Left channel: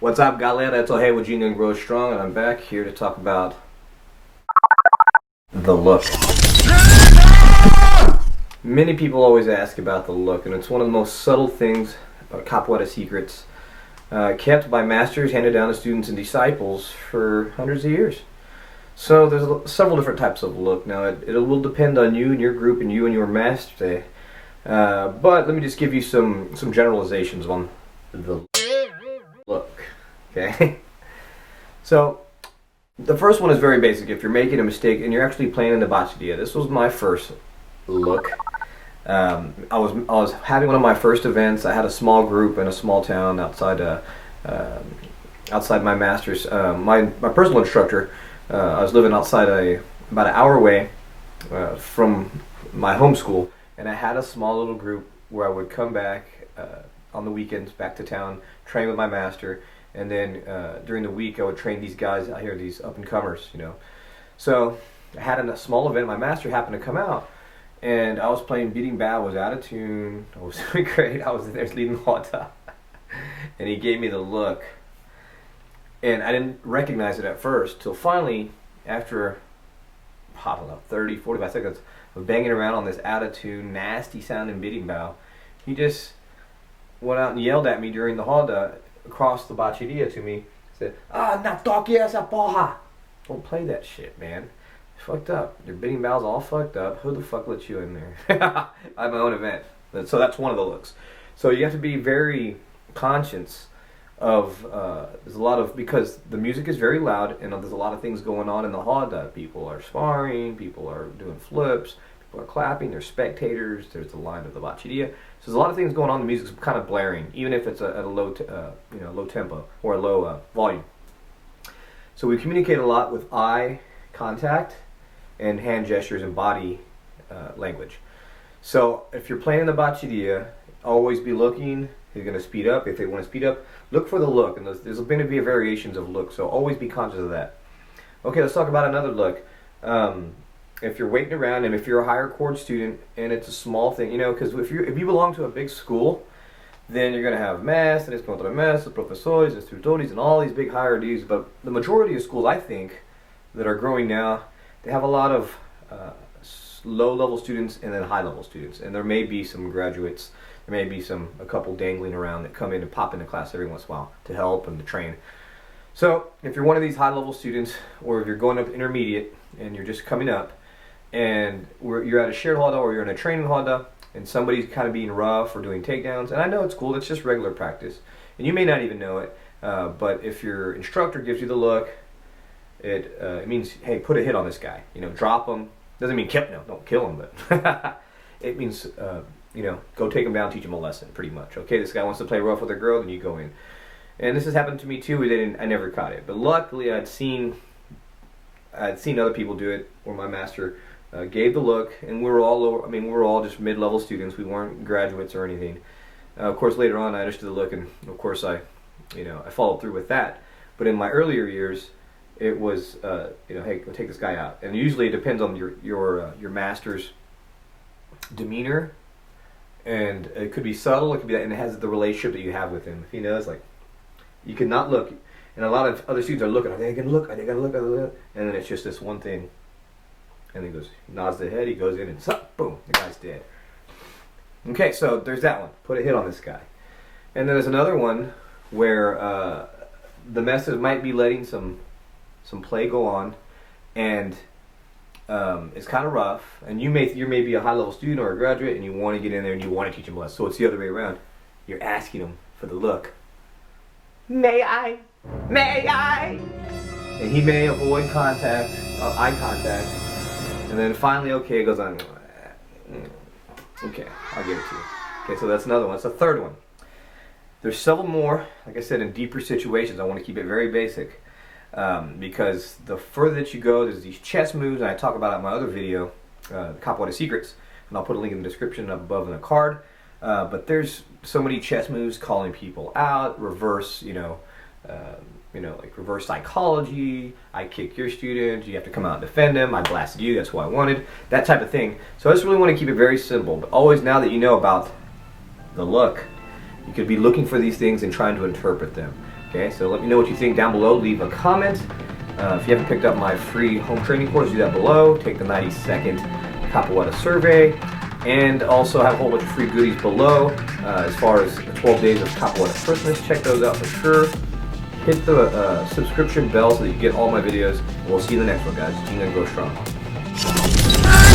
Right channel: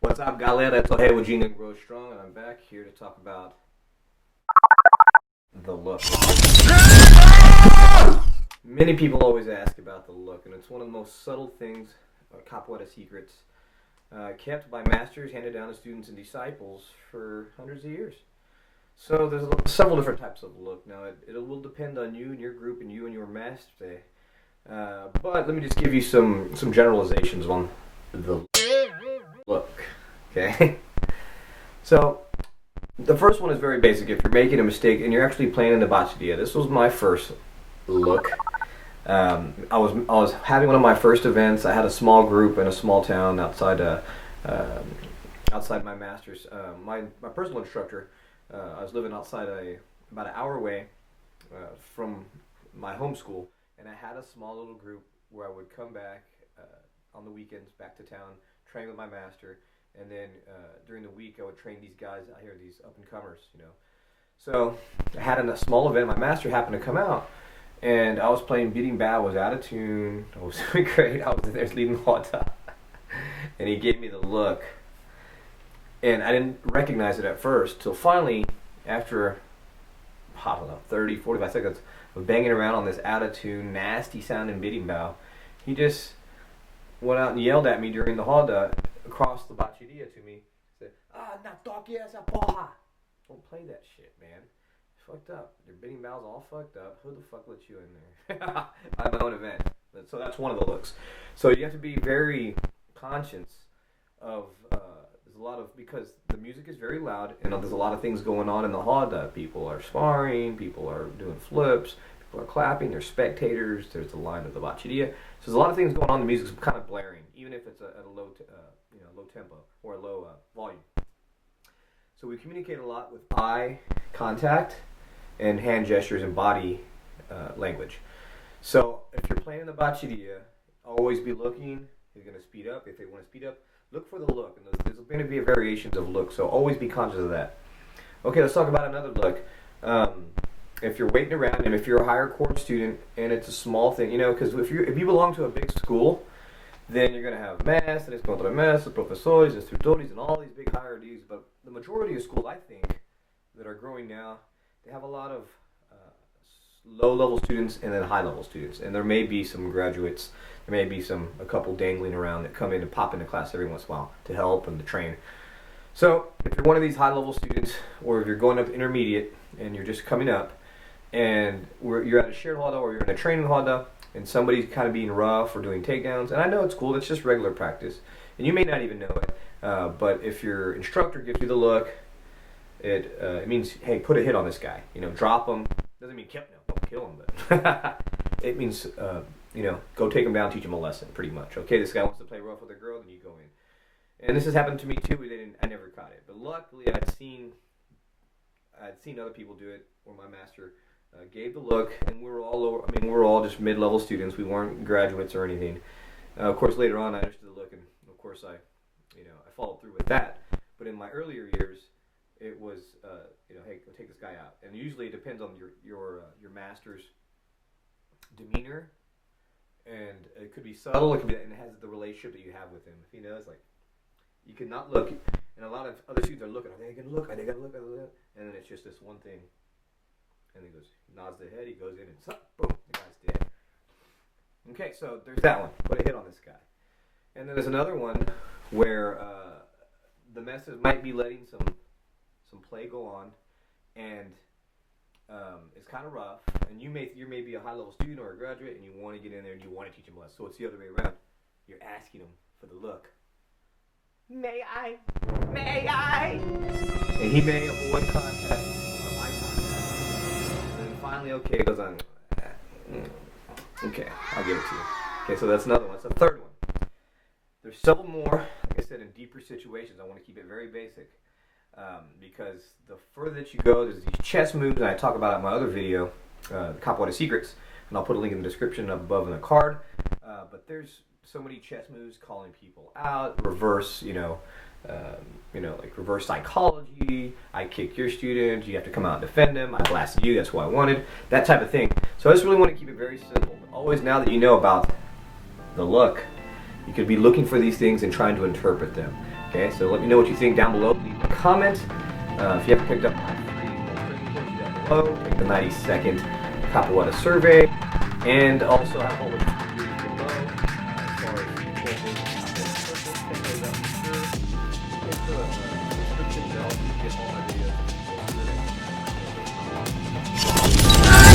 What's up, galera? It's Hey with Ginga and Grow Strong, and I'm back here to talk about the look. Many people always ask about the look, and it's one of the most subtle things about capoeira secrets kept by masters, handed down to students and disciples for hundreds of years. So there's several different types of look. Now it will depend on you and your group and you and your master. But let me just give you some generalizations on the look. Okay? So the first one is very basic. If you're making a mistake and you're actually playing in the bachata, this was my first look. I was having one of my first events. I had a small group in a small town outside outside my master's. My personal instructor. I was living outside about an hour away from my home school, and I had a small little group where I would come back on the weekends back to town, train with my master, and then during the week I would train these guys out here, these up and comers, you know. So I had a small event. My master happened to come out, and I was playing beating bow. I was out of tune. I was doing great. I was there leading the hota, and he gave me the look. And I didn't recognize it at first till finally, after, I don't know, 30, 45 seconds of banging around on this attitude, nasty sounding bidding bow, he just went out and yelled at me during the roda across the bateria to me. Said, na toque essa porra. Don't play that shit, man. It's fucked up. Your bidding bow's all fucked up. Who the fuck let you in there? I have my own event. So that's one of the looks. So you have to be very conscious of there's a lot of, because the music is very loud and there's a lot of things going on in the roda. People are sparring, people are doing flips, people are clapping, there's spectators, there's the line of the bateria. So there's a lot of things going on. The music's kind of blaring, even if it's at a low low tempo or a low volume. So we communicate a lot with eye contact and hand gestures and body language. So if you're playing the bateria, always be looking. You're going to speed up. If they want to speed up, look for the look. And there's going to be variations of look, so always be conscious of that. Okay, let's talk about another look. If you're waiting around, and if you're a higher chord student, and it's a small thing, you know, because if you belong to a big school, then you're going to have mestres, contramestres, professores, instrutores, and all these big hierarchies. But the majority of schools, I think, that are growing now, they have a lot of low-level students and then high-level students. And there may be some graduates, there may be a couple dangling around that come in and pop into class every once in a while to help and to train. So if you're one of these high-level students, or if you're going up to intermediate and you're just coming up, and you're at a shared roda or you're in a training roda, and somebody's kind of being rough or doing takedowns, and I know it's cool, it's just regular practice, and you may not even know it, but if your instructor gives you the look, it means, hey, put a hit on this guy, you know, drop him. Doesn't mean don't kill him, but it means, you know, go take him down, teach him a lesson, pretty much. Okay, this guy wants to play rough with a girl, then you go in. And this has happened to me too. I never caught it, but luckily I'd seen other people do it, where my master gave the look, and we were all just mid-level students. We weren't graduates or anything. Of course, later on I understood the look, and of course I followed through with that. But in my earlier years, it was, hey, go take this guy out. And usually it depends on your master's demeanor, and it could be subtle, it could be that, and it has the relationship that you have with him. If he knows, like, you cannot look, and a lot of other students are looking, are they gonna look, and then it's just this one thing, and he nods the head, he goes in, and boom, the guy's dead. Okay, so there's that one, put a hit on this guy. And then there's another one where the message might be letting some play go on, and it's kind of rough, and you may be a high-level student or a graduate, and you want to get in there and you want to teach him a lesson. So it's the other way around. You're asking him for the look. May I? And he may avoid eye contact, and then finally, okay, it goes on. Okay, I'll give it to you. Okay, so that's another one. It's the third one. There's several more, like I said, in deeper situations. I want to keep it very basic. Because the further that you go, there's these chess moves, and I talk about it in my other video, the Capoeira Secrets, and I'll put a link in the description above in the card. But there's so many chess moves, calling people out, reverse, like reverse psychology. I kick your student, you have to come out and defend him. I blasted you, that's who I wanted. That type of thing. So I just really want to keep it very simple. But always, now that you know about the look, you could be looking for these things and trying to interpret them. Okay, so let me know what you think down below. Leave a comment. If you haven't picked up my free home training course, do that below. Take the 90-second Capoeira survey. And also have a whole bunch of free goodies below. As far as 12 days of Capoeira Christmas, check those out for sure. Hit the subscription bell so that you get all my videos. We'll see you in the next one, guys. Ginga, go strong.